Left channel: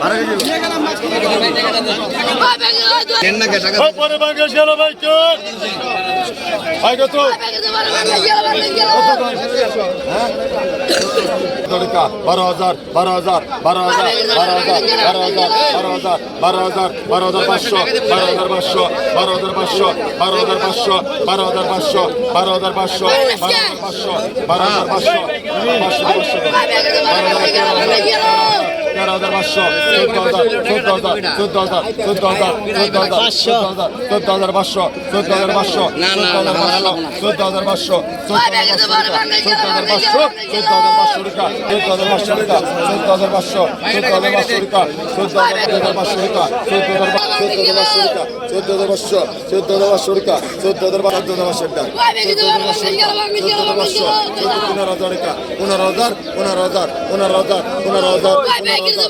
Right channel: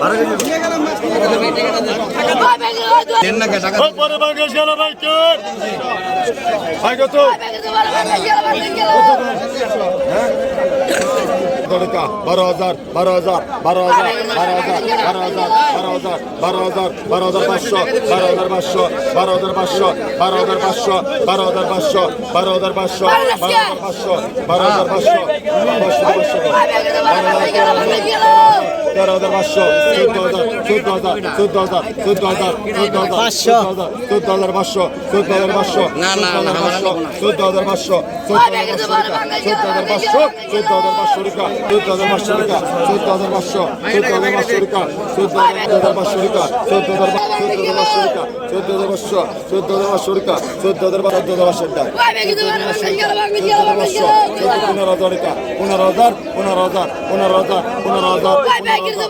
বাংলাদেশ গেল পরে বাংলাদেশ গেল ভাই কে ভাই কত টাকা বারো হাজার বারো হাজার বারো হাজার বারো হাজার বারো হাজার বারো হাজার বারো হাজার বারো হাজার পাঁচশো বারো হাজার পাঁচশো বারো হাজার পাঁচশো বারো হাজার পাঁচশো বারো হাজার পাঁচশো বারো হাজার পাঁচশো বারো হাজার পাঁচশো বারো হাজার পাঁচশো পাঁচশো পাঁচশো বারো হাজার তেরো হাজার তেরো হাজার পাঁচশো চোদ্দ হাজার চোদ্দ হাজার চোদ্দ হাজার চোদ্দ হাজার চোদ্দ হাজার চোদ্দ হাজার পাঁচশো চোদ্দ হাজার পাঁচশো চোদ্দ হাজার পাঁচশো চোদ্দ হাজার পাঁচশো চোদ্দ হাজার পাঁচশো চোদ্দ হাজার পাঁচশো টাকা চোদ্দ হাজার পাঁচশো টাকা চোদ্দ হাজার পাঁচশো টাকা চোদ্দ হাজার পাঁচশো টাকা চোদ্দ হাজার পাঁচশো টাকা চোদ্দ হাজার পাঁচশো চোদ্দ হাজার পাঁচশো টাকা চোদ্দ হাজার পাঁচশো টাকা চোদ্দ হাজার পাঁচশো পনেরো হাজার টাকা পনেরো হাজার পনেরো হাজার পনেরো হাজার হাজার হাজার টাকা পনেরো হাজার হাজার হাজার পনেরো হাজার পনেরো হাজার পনেরো হাজার পনেরো হাজার পনেরো হাজার পনেরো হাজার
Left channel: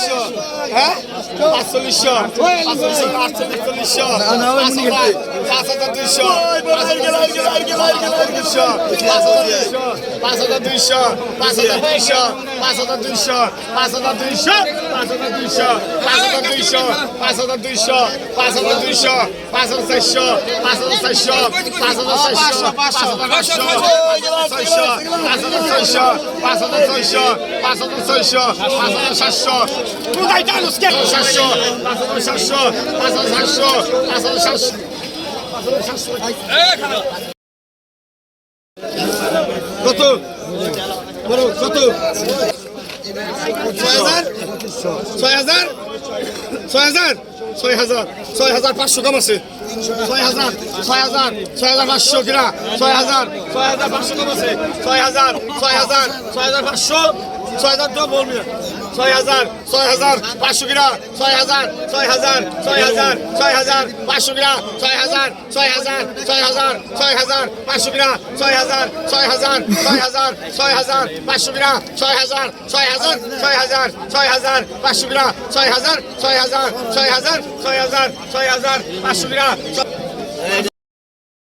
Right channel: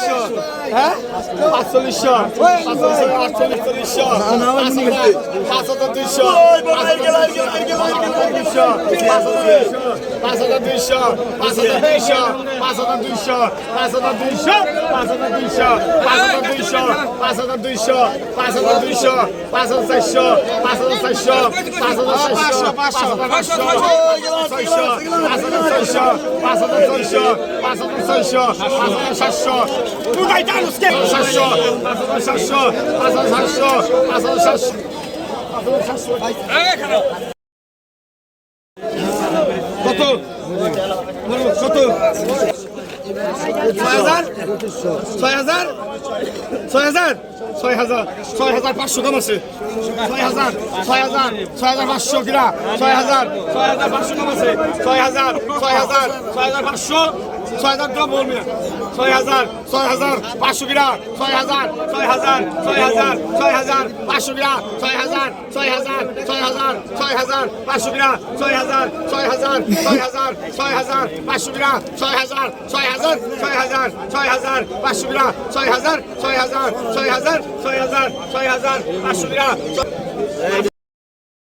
হাজার হ্যাঁ পাঁচচল্লিশশো আটচল্লিশশো পাঁচ হাজার দুইশো পাঁচ হাজার দুইশো পাঁচ হাজার দুইশো পাঁচ হাজার দুইশো পাঁচ হাজার দুইশো পাঁচ হাজার দুইশো পাঁচ হাজার দুইশো পাঁচ হাজার দুইশো পাঁচ হাজার দুইশো পাঁচ হাজার চারশো পাঁচ হাজার চারশো পাঁচ হাজার চারশো পাঁচ হাজার ছয়শো পাঁচ হাজার ছয়শো পাঁচ হাজার ছয়শো পাঁচ হাজার সাতশো কোথায় জানুস কে Não vai dar nos queijos! Sachô! Sachô! Sachô! Sachô! Sachô! কত কত ছয় হাজার ছয় হাজার ছয় হাজার ছয় হাজার ছয় হাজার পাঁচশো দাম আছে ছয় হাজার ছয় হাজার ছয় হাজার পাঁচশো কিনা ছয় হাজার ছয় হাজার পাঁচশো দাম আছে ছয় হাজার ছয় হাজার ছয় হাজার পাঁচশো ছয় হাজার দাম বলবে ছয় হাজার ছয় হাজার পাঁচশো কিনা ছয় হাজার ছয় হাজার ছয় হাজার ছয় হাজার পাঁচশো কিনা ছয় হাজার ছয় হাজার ছয় হাজার ছয় হাজার পাঁচশো কিনা ছয় হাজার ছয় হাজার ছয় হাজার ছয় হাজার পাঁচশো কিনা ছয় হাজার ছয় হাজার ছয় হাজার ছয় হাজার পাঁচশো কিনা ছয় হাজার ছয় হাজার ছয় হাজার ছয় হাজার ছয় হাজার পাঁচশো কিনা